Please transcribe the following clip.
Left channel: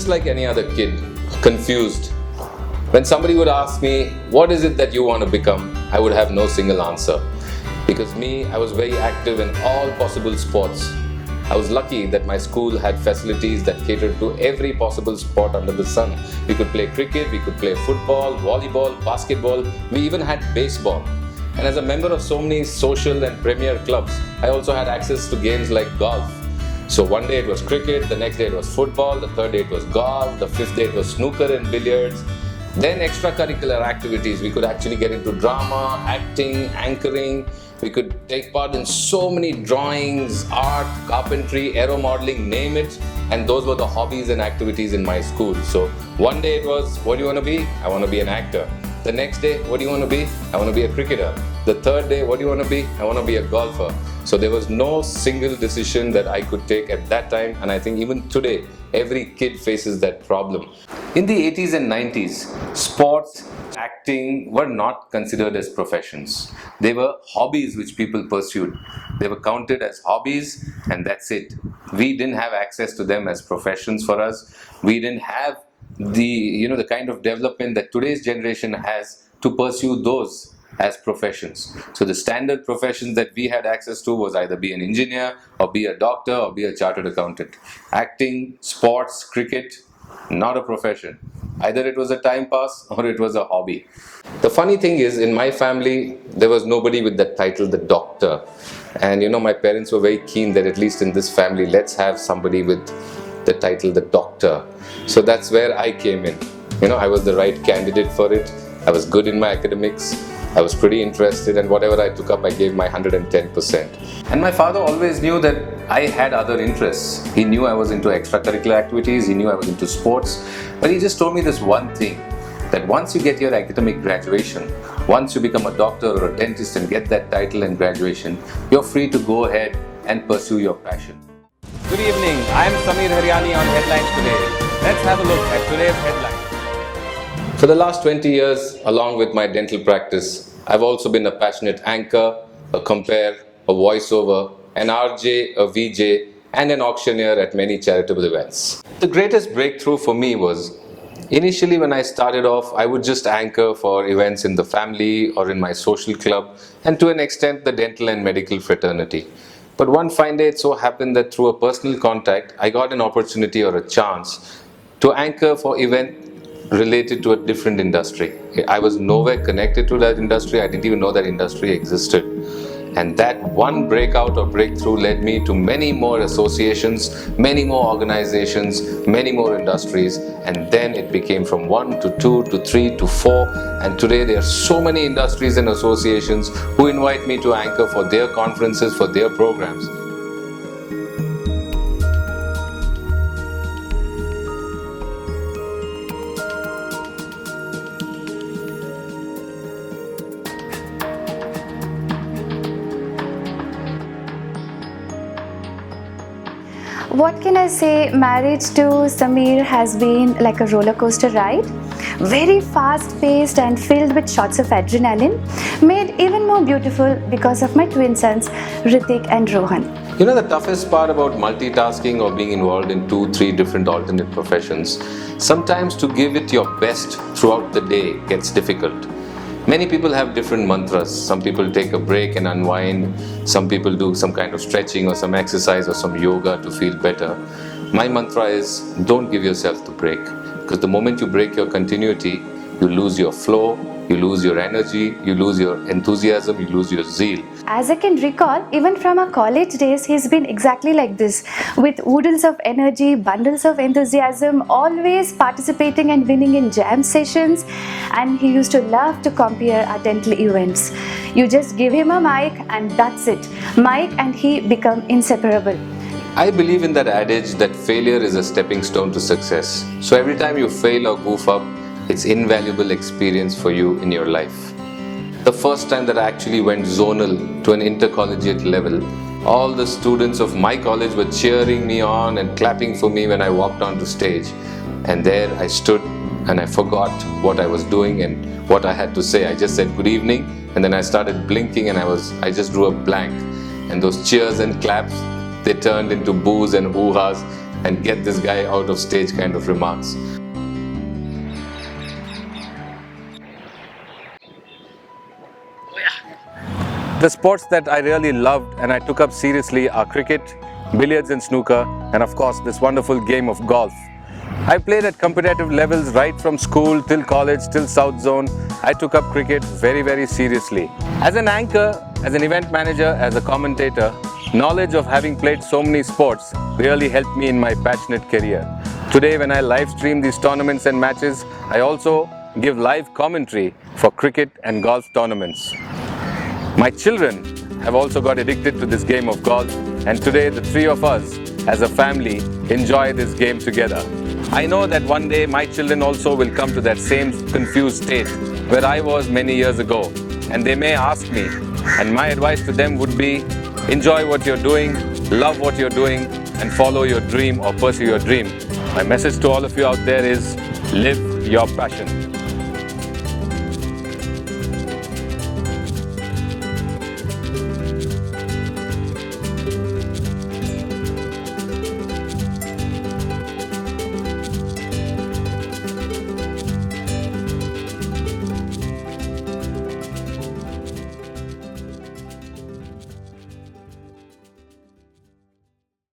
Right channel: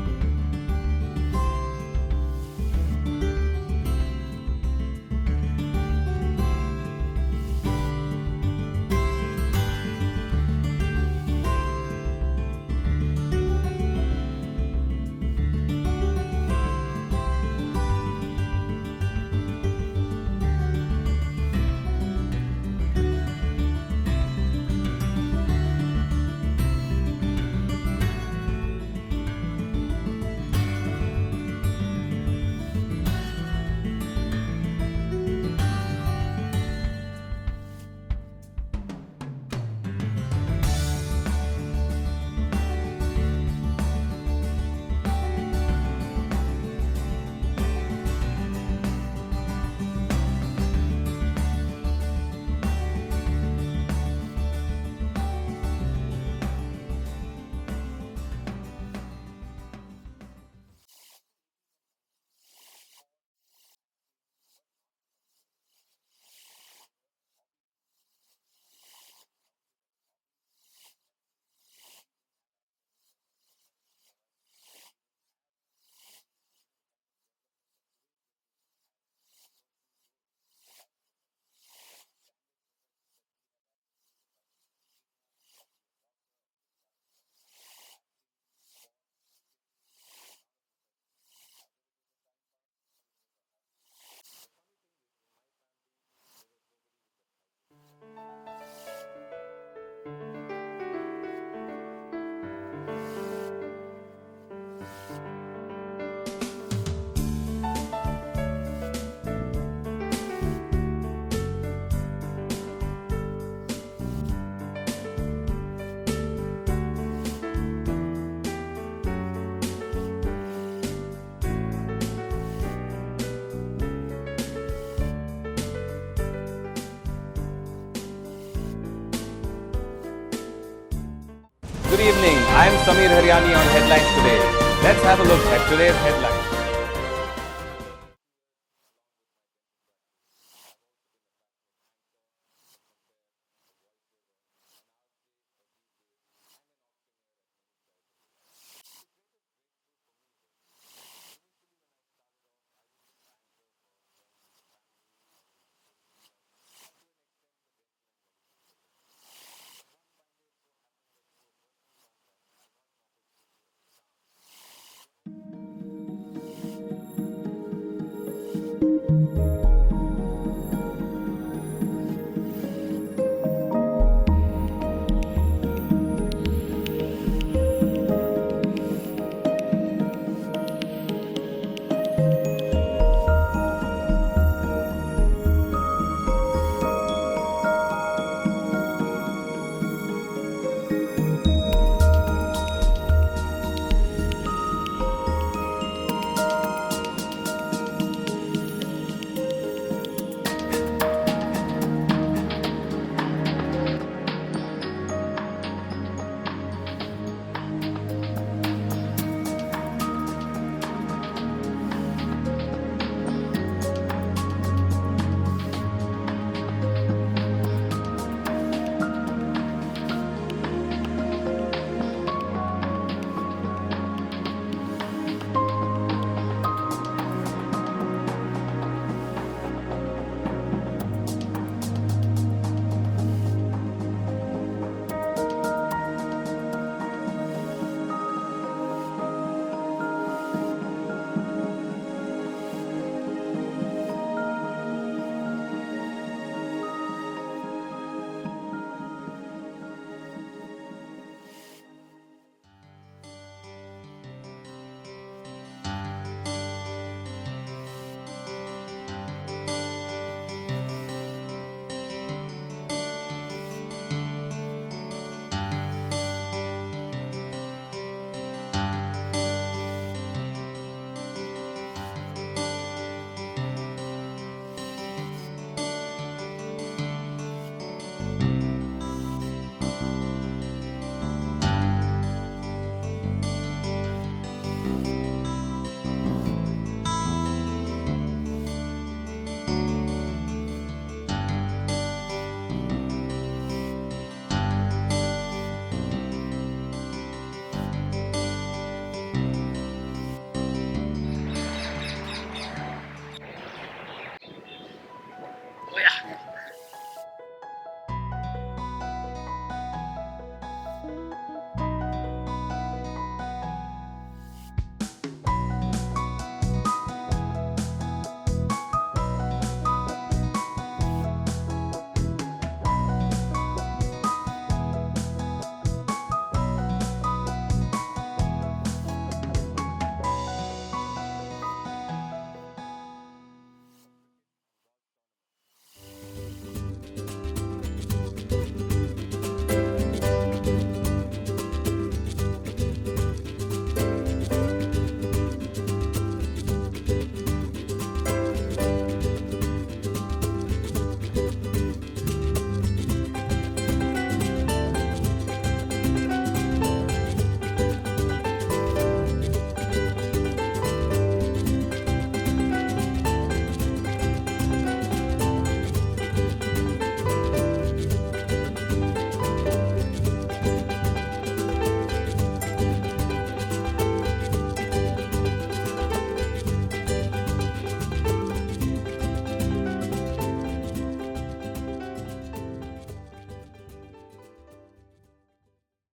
just like any other kid, confused. When somebody would ask me, what is it that you want to become? I would have no single answer. Because I was very active in all possible sports. I was lucky that my school had facilities that catered to every possible sport under the sun. We could play cricket, we could play football, volleyball, basketball, we even had baseball. And as a member of so many social and premier clubs, I also had access to games like golf. So one day it was cricket, the next day it was football, the third day it was golf, the fifth day it was snooker and billiards. Then extracurricular activities, we could actually get into drama, acting, anchoring. We could take part in so many drawings, art, carpentry, aero modeling, name it. And those were the hobbies and activities in my school. So one day it was, what do you want to be? I want to be an actor. The next day, what do you want to be? I want to be a cricketer. The third day, what do you want to be? I want to be a golfer. So there was no single decision that I could take at that time. And I think even today, every kid faces that problem. In the 80s and 90s, sports, acting were not considered as professions. They were hobbies which people pursued. They were counted as hobbies and that's it. We didn't have access to them as professions for us. We didn't have the kind of development that today's generation has to pursue those as professions. So the standard professions that we had access to was either be an engineer or be a doctor or be a chartered accountant. Acting, sports, cricket, not a profession. Either it was a time pass or it was a hobby. The funny thing is, in my family, there was nobody with that title, the doctor. And my parents were very keen that at least in this family, let's have somebody with the title, the doctor. So that's where I came in. I was the right candidate for it. I was good in my academics. I was pretty interested, and whatever I took up, I gave my 110%. And my father always knew that I had other interests. He knew I was into extracurricular activities, he knew I was into sports, but he just told me this one thing, that once you get your academic graduation, once you become a doctor or a dentist and get that title and graduation, you're free to go ahead and pursue your passion. Good evening, I'm Hariani on Headlines Today. Let's have a look at today's headlines. For the last 20 years, along with my dental practice, I've also been a passionate anchor, a compare, a voiceover, an RJ, a VJ, and an auctioneer at many charitable events. The greatest breakthrough for me was, initially when I started off, I would just anchor for events in the family or in my social club, and to an extent the dental and medical fraternity. But one fine day it so happened that through a personal contact, I got an opportunity or a chance to anchor for event related to a different industry. I was nowhere connected to that industry. I didn't even know that industry existed. And that one breakout or breakthrough led me to many more associations, many more organizations, many more industries. And then it became from 1 to 2 to 3 to 4. And today there are so many industries and associations who invite me to anchor for their conferences, for their programs. What can I say? Marriage to Samir has been like a roller coaster ride. Very fast paced and filled with shots of adrenaline, made even more beautiful because of my twin sons, Ritik and Rohan. The toughest part about multitasking or being involved in 2-3 different alternate professions, sometimes to give it your best throughout the day gets difficult. Many people have different mantras. Some people take a break and unwind. Some people do some kind of stretching or some exercise or some yoga to feel better. My mantra is, don't give yourself the break. Because the moment you break your continuity, you lose your flow, you lose your energy, you lose your enthusiasm, you lose your zeal. As I can recall, even from our college days, he's been exactly like this, with oodles of energy, bundles of enthusiasm, always participating and winning in jam sessions, and he used to love to compare our dental events. You just give him a mic and that's it. Mike and he become inseparable. I believe in that adage that failure is a stepping stone to success. So every time you fail or goof up, it's invaluable experience for you in your life. The first time that I actually went zonal to an intercollegiate level, all the students of my college were cheering me on and clapping for me when I walked on the stage. And there I stood and I forgot what I was doing and what I had to say. I just said good evening and then I started blinking and I just drew a blank. And those cheers and claps, they turned into boos and hoo-has. and get this guy out of stage kind of remarks. The sports that I really loved and I took up seriously are cricket, billiards and snooker, and of course this wonderful game of golf. I played at competitive levels right from school till college till South Zone. I took up cricket very seriously. As an anchor, as an event manager, as a commentator, knowledge of having played so many sports really helped me in my passionate career. Today when I live stream these tournaments and matches, I also give live commentary for cricket and golf tournaments. My children have also got addicted to this game of golf, and today the three of us as a family enjoy this game together. I know that one day my children also will come to that same confused state where I was many years ago, and they may ask me, and my advice to them would be, enjoy what you're doing, love what you're doing, and follow your dream or pursue your dream. My message to all of you out there is, live your passion.